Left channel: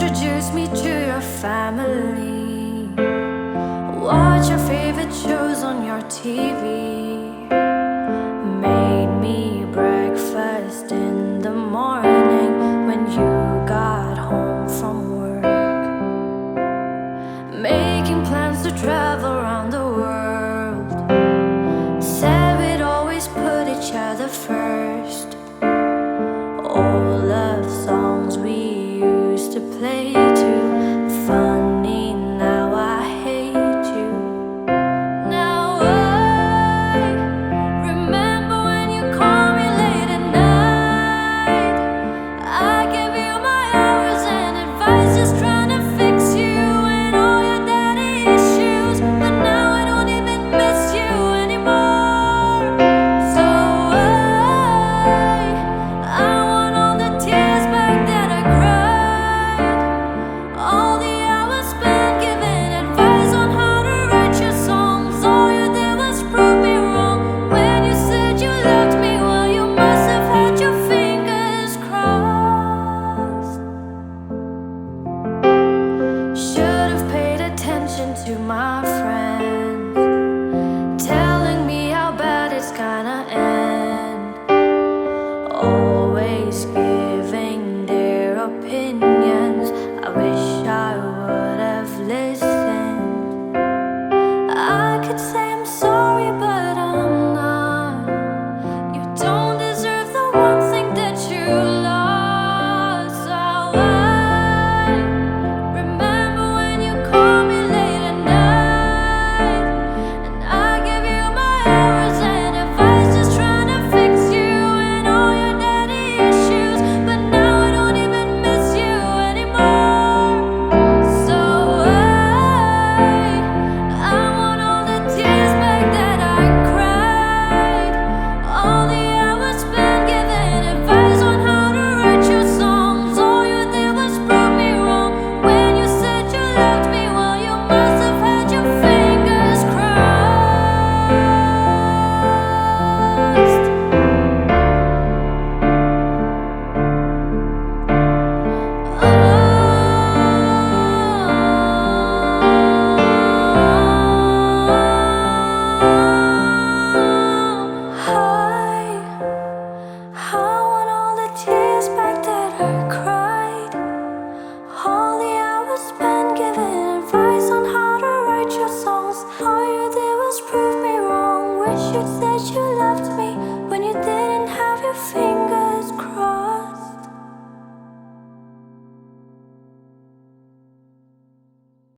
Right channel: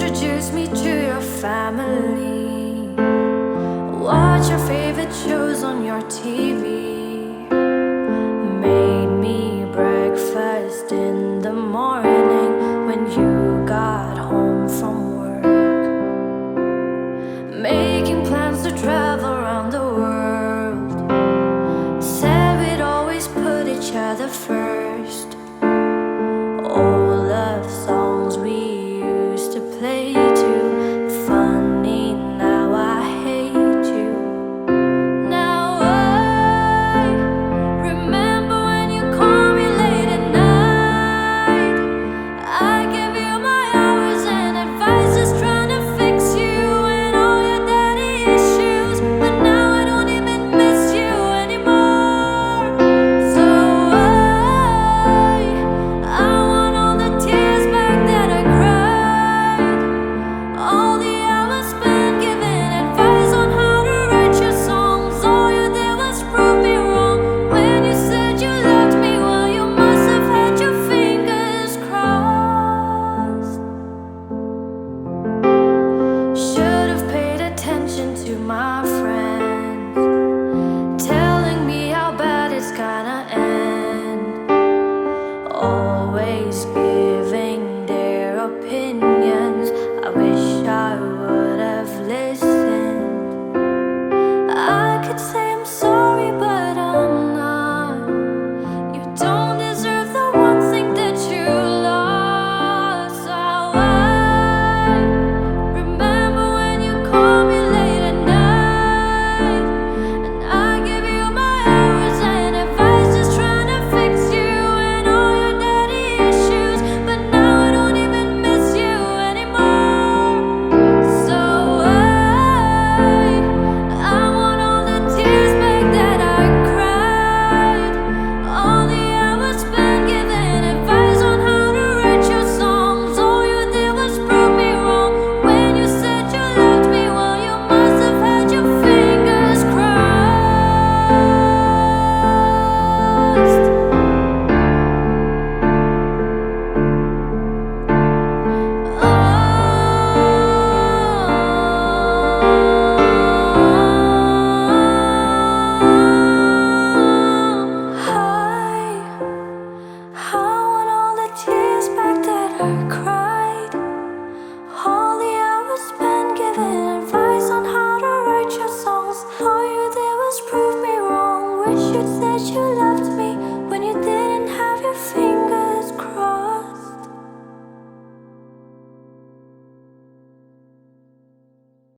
introduced me to your family. Watch your favorite shows on your TV. Made me breakfast in the morning when you got home from work. Making plans to travel around the world. Said we'd always put each other first. Old love songs we used to play too. Funny, now I hate you. Now I remember when you called me late at night. I gave you my hours and advice, just trying to fix you and all your daddy issues. But now I don't even miss you anymore. So I want all the tears back that I cried. All the hours spent giving advice on how to write your songs. All you did was prove me wrong. When you said you loved me, well, you must have had your fingers crossed. Should have paid attention to my friends, telling me how bad it's gonna end. Always giving their opinions. I wish I would have listened. I could say I'm sorry, but I'm not. You don't